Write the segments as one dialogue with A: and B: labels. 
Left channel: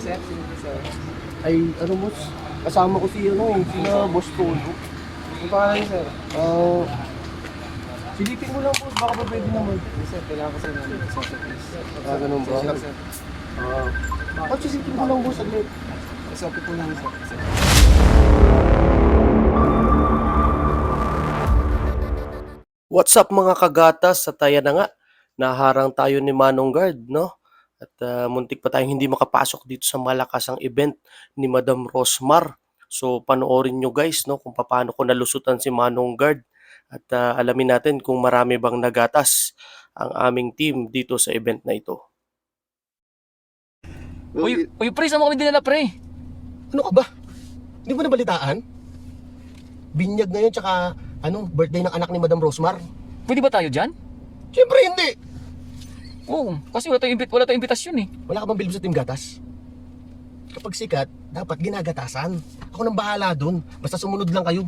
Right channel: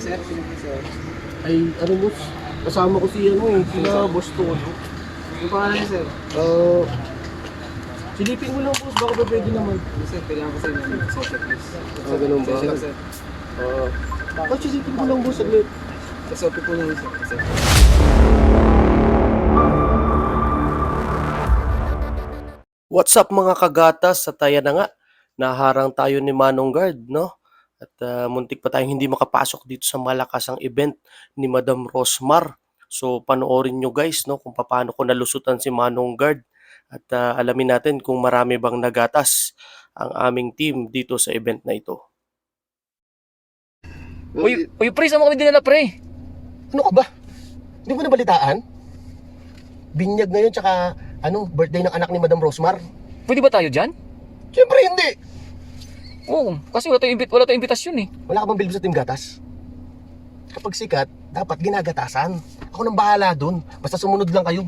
A: sir, po sir?
B: Ay, ano boss? Kasama ko si ano eh, sina boss ko.
A: Yung pangalan niyo, sir?
B: Ah, silipin mo lang boss, baka ba pwede naman.
A: Yes, sir, kailangan ko sir ng social please.
B: Ah, ganun ba?
A: Lang, sir.
B: Ah, bakit silipin mo lang boss, saglit.
A: SOP po lang, sir. sir.
B: What's up mga kagatas? Sa taya na nga, naharang tayo ni Manong Guard, no? At ah, muntik pa tayong hindi makapasok dito sa malakasang event ni Madam Rosmar. So panoorin nyo guys, no, kung paano ko nalusutan si Manong Guard. At ah, alamin natin kung marami bang nagatas ang aming team dito sa event na ito.
C: Uy, uy, pre, saan mo kami dinala, pre?
B: Ano ka ba? Hindi mo nabalitaan? Binyag ngayon tsaka ano, birthday ng anak ni Madam Rosmar.
C: Pwede ba tayo dyan?
B: Siyempre hindi!
C: Oo, kasi wala tayong, wala tayong imbitasyon eh.
B: Wala ka bang bilib sa Team Gatas? Kapag sikat, dapat ginagatasan. Ako nang bahala dun. Basta sumunod lang kayo.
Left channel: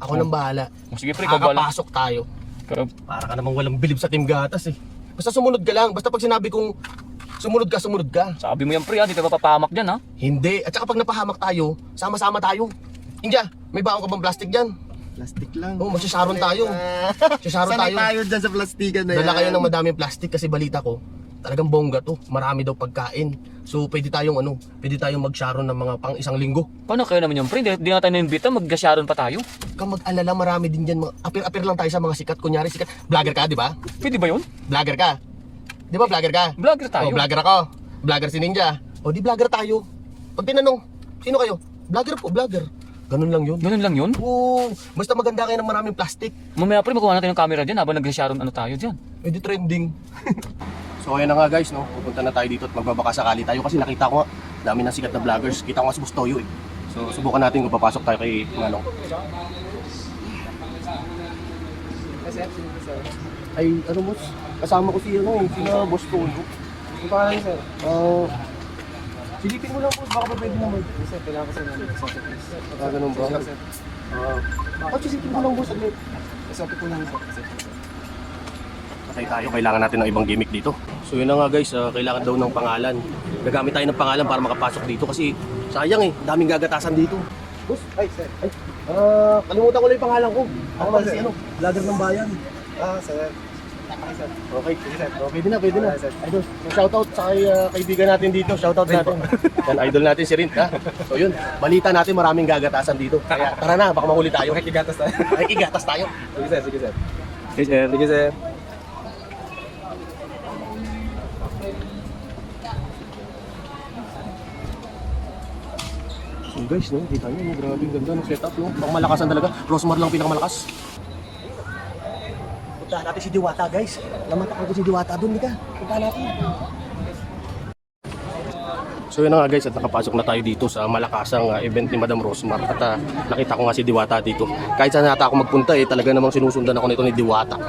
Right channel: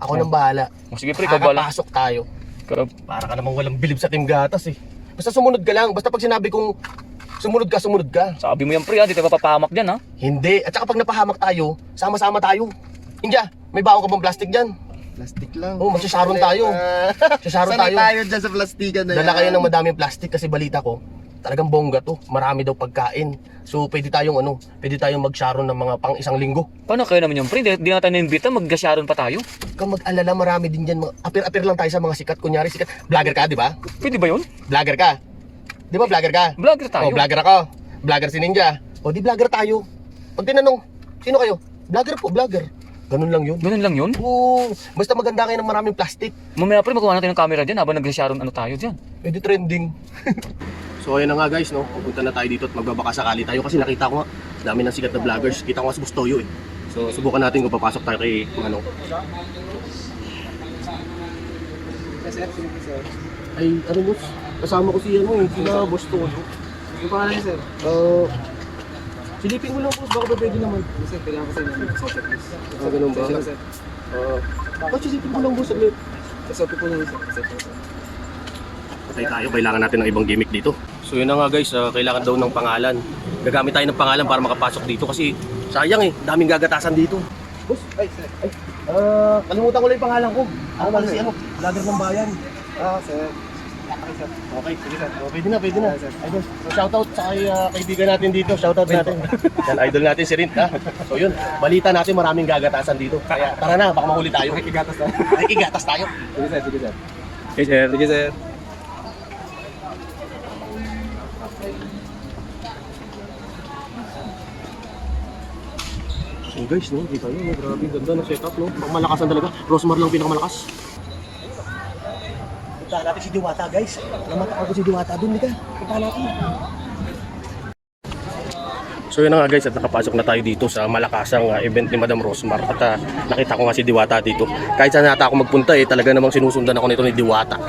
B: Ako nang bahala.
C: O, sige, pre, ikaw bahala.
B: Kakapasok tayo.
C: Pero,
B: Para ka namang walang bilib sa Team Gatas eh. Basta sumunod ka lang. Basta pag sinabi kong sumunod ka, sumunod ka.
C: sabi mo yan, pre, ha? Di tayo mapapahamak dyan, ha?
B: Hindi. At saka pag napahamak tayo, sama-sama tayo. India, may baon ka bang plastic dyan?
A: Plastic lang.
B: Oo, magsasaron tayo. Sasaron
A: Sanay
B: tayo.
A: tayo dyan sa plastikan na yan.
B: Dala kayo ng madaming plastic kasi balita ko. Talagang bongga to. Marami daw pagkain. So pwede tayong ano, pwede tayong mag-sharon ng mga pang isang linggo.
C: Paano kayo naman yung pre? Di, na tayo naimbita, maggasyaron pa tayo.
B: Kung mag-alala, marami din dyan. Mga- Apir-apir lang tayo sa mga sikat. Kunyari sikat. Vlogger ka, di ba?
C: Pwede ba yun?
B: Vlogger ka. Di ba vlogger ka?
C: Vlogger tayo.
B: Oh, vlogger ako. Vlogger si Ninja. O di vlogger tayo. Pag tinanong, sino kayo? Vlogger po, vlogger. Ganun lang yun.
C: Ganun lang yun?
B: Oo, basta maganda kayo ng maraming plastic.
C: Mamaya, pre, makuha natin yung camera dyan habang naggasyaron ano tayo dyan.
B: Pwede trending. so ayan na nga guys, no? Pupunta na tayo dito at magbabaka sakali tayo kasi nakita ko nga, dami ng sikat na vloggers. Kita ko nga sa Bustoyo eh. So subukan natin kung papasok tayo kay Manong.
A: Sir, sir?
B: Ay, ano boss? Kasama ko si ano eh, sila Bustoyo.
A: Yung pangalan sir?
B: Ah, silipin mo lang boss, baka pa pwede naman.
A: Sir, kailangan ko sir ng social please.
B: Ah, ganun ba? Ah, bakit silipin mo lang boss, saglit.
A: SOP po lang.
B: Patay tayo, kailangan natin ng ibang gimmick dito. So yun na nga guys, ah, kailangan daw ng pangalan. Gagamit tayo ng pangalan para makapasok dito kasi sayang eh, daming gagatasan dito. Boss, ay, ay, ah, kalimutan ko lang yung pangalan ko. Ako pala si ano, vlogger ng bayan.
A: Ah, sir.
B: Okay, oh, pwede na, pwede na. Idol, Shoutout sa kay, ah, kaibigan natin dito, shoutout natin. Yan, idol natin si Rin. Ha? So yun, balita natin maraming gagatasan dito. Kaya tara na, baka mahuli tayo.
A: Igatas na.
B: Nakikigatas tayo.
A: Sige, sir, sige, sir.
C: Hey, sir.
A: Sige, sir.
B: So guys, no, kita nyo, no, grabe ganda ng setup, no? Pang malakasan talaga. Rosmar lang pinakamalakas. Punta natin si Diwata, guys. Lamata ako si Diwata doon, dito. Punta natin. So yun na nga guys, at nakapasok na tayo dito sa malakasang uh, event ni Madam Rosmar. At uh, nakita ko nga si Diwata dito. Kahit saan nata ako magpunta eh, talaga namang sinusundan ako nito ni Diwata.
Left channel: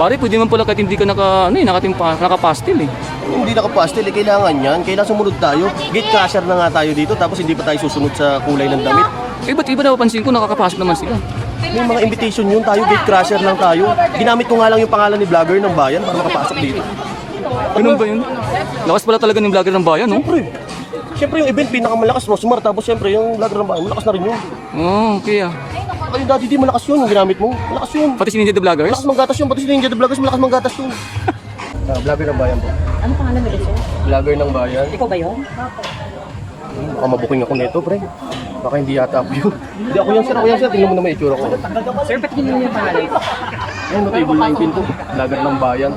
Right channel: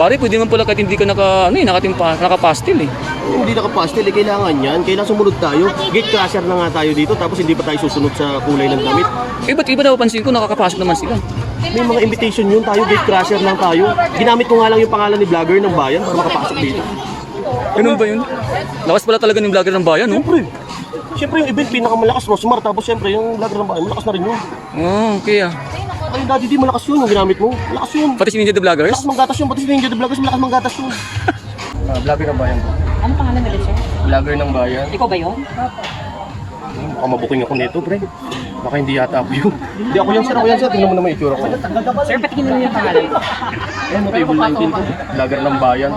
C: Pare, pwede naman pala kahit hindi ka naka, ano eh, nakatimpa, nakapastil eh.
B: Hindi nakapastil, eh, kailangan yan. Kailangan sumunod tayo. Gate cashier na nga tayo dito, tapos hindi pa tayo susunod sa kulay ng damit.
C: Eh, ba't iba napapansin ko, nakakapasok naman sila.
B: May mga invitation yun tayo, gate crasher lang tayo. Ginamit ko nga lang yung pangalan ni vlogger ng bayan para makapasok dito.
C: Ganun ba yun? Lakas pala talaga ng vlogger ng bayan, no?
B: Siyempre, siyempre yung event pinakamalakas, Rosmar. Tapos siyempre yung vlogger ng bayan, malakas na rin yun.
C: Hmm, kaya.
B: Ay, daddy di malakas yun, yung ginamit mo. Malakas yun.
C: Pati si Ninja the Vloggers?
B: Malakas manggatas yun, pati sila yung Jedi Vloggers, malakas manggatas yun. vlogger ng bayan po.
D: Ano pangalan na sir?
B: Vlogger ng bayan.
D: Ikaw ba yun?
B: Baka mapuking ako nito, pre. Baka hindi yata ako yun. Hindi ako yan, sir. Ako yan, sir. Tingnan mo naman yung itsura ko.
D: Sir, patingin mo yung pangalan.
B: Ayun, no, table 19 ko. Vlogger ng bayan.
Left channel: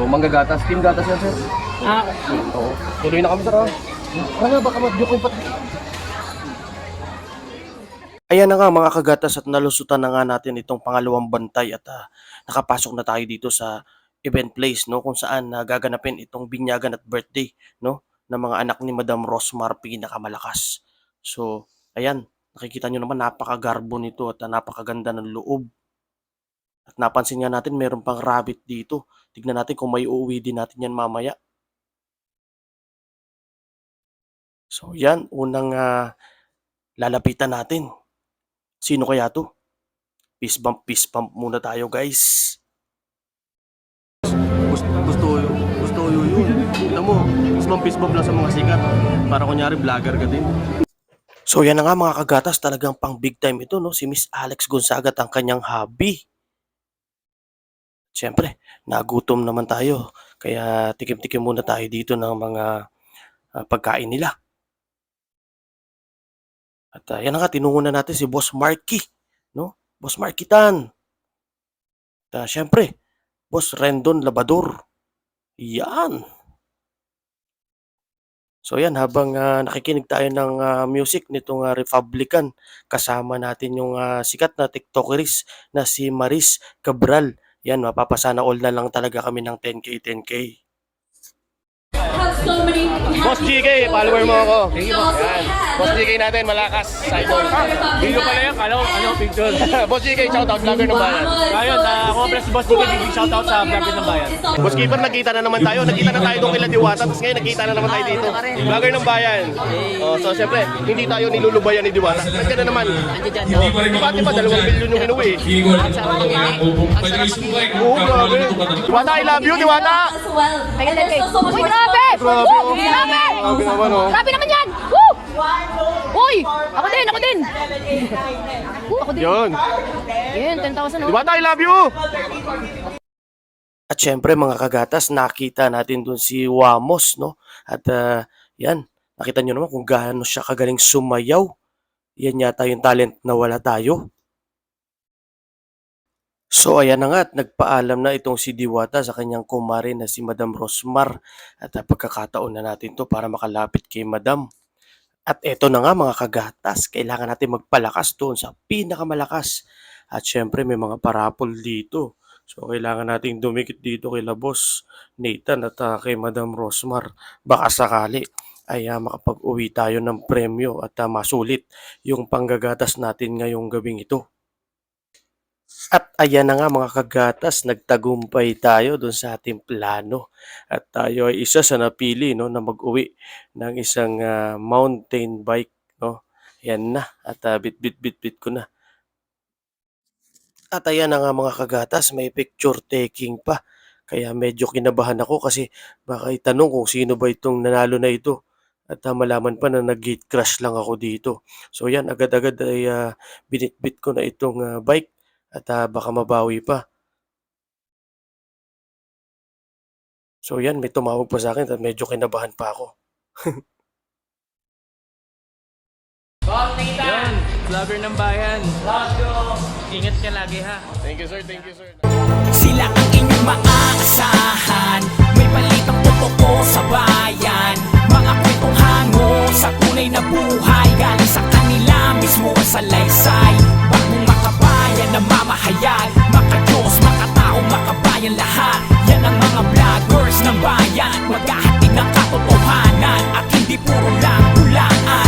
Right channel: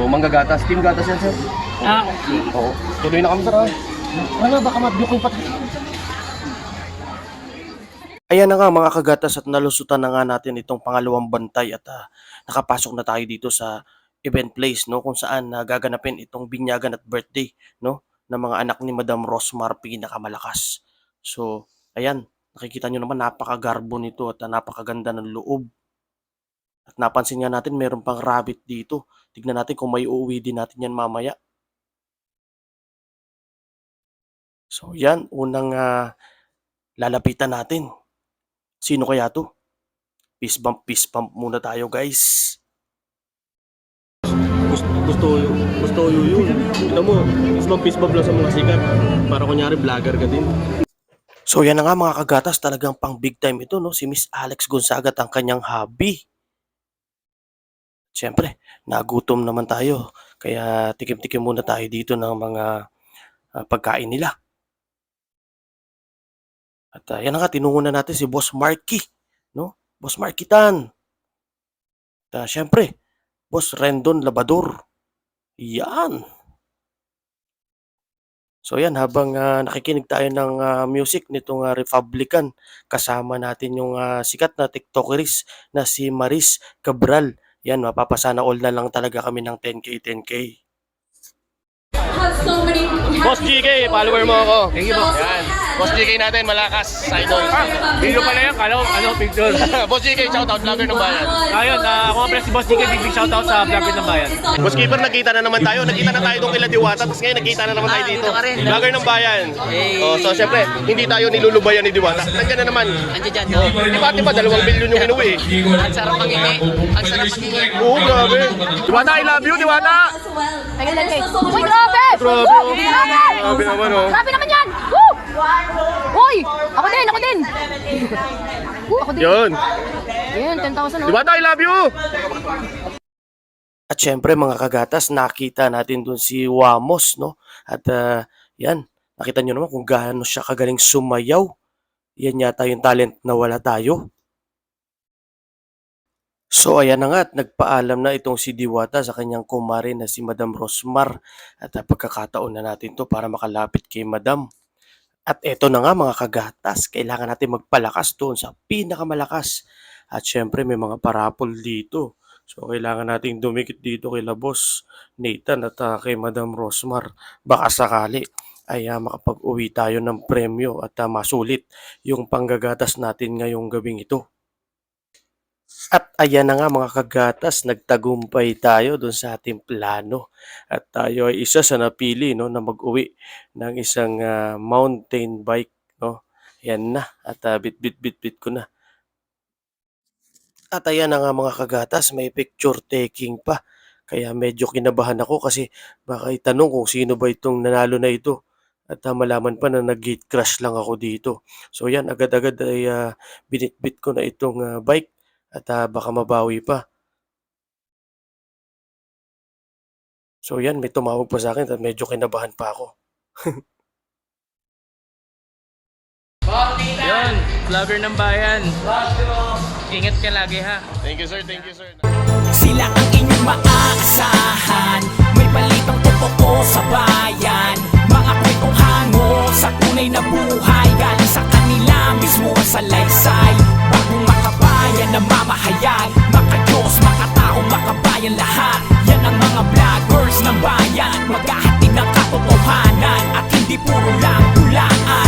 B: O, manggagatas. Team gatas yan, sir.
D: Ah,
B: Oo. Tuloy na kami, sir. ha? Tara nga, baka madukong pati. Ayan na nga mga kagatas at nalusutan na nga natin itong pangalawang bantay at ah, nakapasok na tayo dito sa event place no kung saan nagaganapin itong binyagan at birthday no ng mga anak ni Madam Rosmar pinakamalakas. So, ayan, nakikita nyo naman napakagarbo nito at napakaganda ng loob. At napansin nga natin meron pang rabbit dito. Tignan natin kung may uuwi din natin yan mamaya. So, yan, unang ah, lalapitan natin. Sino kaya to?
E: Peace bump, peace bump muna tayo guys.
B: Gusto, gusto, gusto yun. Kita mo, mas bump lang sa mga sikat. Para kunyari vlogger ka din.
E: So yan na nga mga kagatas, talagang pang big time ito, no? Si Miss Alex Gonzaga ang kanyang hobby. Siyempre, nagutom naman tayo. Kaya tikim-tikim muna tayo dito ng mga ah, pagkain nila. At ah, yan na nga, tinungo na natin si Boss Marky, no? Boss Marky Tan. At ah, siyempre, Boss Rendon Labador. Yan. So yan, habang ah, nakikinig tayo ng ah, music nitong ah, Republican, kasama natin yung ah, sikat na TikTokeris na si Maris Cabral. Yan, mapapasana all na lang talaga kami ng 10K, 10K.
B: Boss GK, follower mo ako. Thank you, boss. Boss GK natin, malakas. Sa idol.
C: Video pala yun, kalo, ano, picture.
B: boss GK, shoutout, vlogger ng bayan.
C: Ayan, uh, complex si Boss DK, big big shoutout sa vlog ng bayan.
B: Boss Keeper, nagkita na naman tayo. Nagkita na tayo doon kila Diwata. Tapos ngayon, nagkita na naman tayo dito. Vlogger ng bayan. Oh, so, syempre, hindi tayo nilulubayan ni Diwata. Nandiyan na naman.
F: Nandiyan dyan, no?
B: Di ba, di ba, dalawang milyon yung inuwi.
F: Ang sarap mangingi. Ang sarap mangingi.
B: Oo, grabe. Diwata, I love you, Diwata!
D: Uy, grabe!
B: Grabe.
D: Grabe!
B: Grabe naman, oh.
D: Grabe naman yan! Woo! Uy! Ako din, ako din! Ako din.
B: Yun.
D: Ayan, 10,000 oh.
B: Diwata, I love you!
E: At syempre mga kagatas, nakita natin dun si Wamos, no? At ah, yan, nakita nyo naman kung gaano siya kagaling sumayaw. Yan yata yung talent na wala tayo. So ayan na nga at nagpaalam na itong si Diwata sa kanyang kumare na si Madam Rosmar at ah, pagkakataon na natin to para makalapit kay Madam. At eto na nga mga kagatas, kailangan natin magpalakas doon sa pinakamalakas. At syempre may mga parapol dito. So kailangan nating dumikit dito kay Labos Nathan at ah, kay Madam Rosmar. Baka sakali ay ah, makapag-uwi tayo ng premyo at ah, masulit yung panggagatas natin ngayong gabing ito. At ayan na nga mga kagatas, nagtagumpay tayo doon sa ating plano. At tayo ay isa sa napili no, na mag-uwi ng isang ah, mountain bike. No? Yan na. At ah, bit-bit-bit-bit ko na. At ayan na nga mga kagatas, may picture taking pa. Kaya medyo kinabahan ako kasi baka itanong kung sino ba itong nanalo na ito. At ah, malaman pa na nag-gate crash lang ako dito. So yan, agad-agad ay ah, binitbit ko na itong ah, bike at ah, baka mabawi pa. So yan, may tumawag pa sa akin at medyo kinabahan pa ako.
C: Yan, vlogger ng bayan. Ingat ka lagi ha.
B: Thank you, sir. Thank you, sir.
G: Sila ang inyong maaasahan May balitang totoo sa bayan Mga kwentong hango sa tunay na buhay Galing sa kanila mismo ang salaysay Bagong makabayan na mamahayag Makadiyos, makatao, makabayan lahat. Yan ang mga vloggers ng bayan. Maghahatid ng katotohanan At hindi puro lang hulaan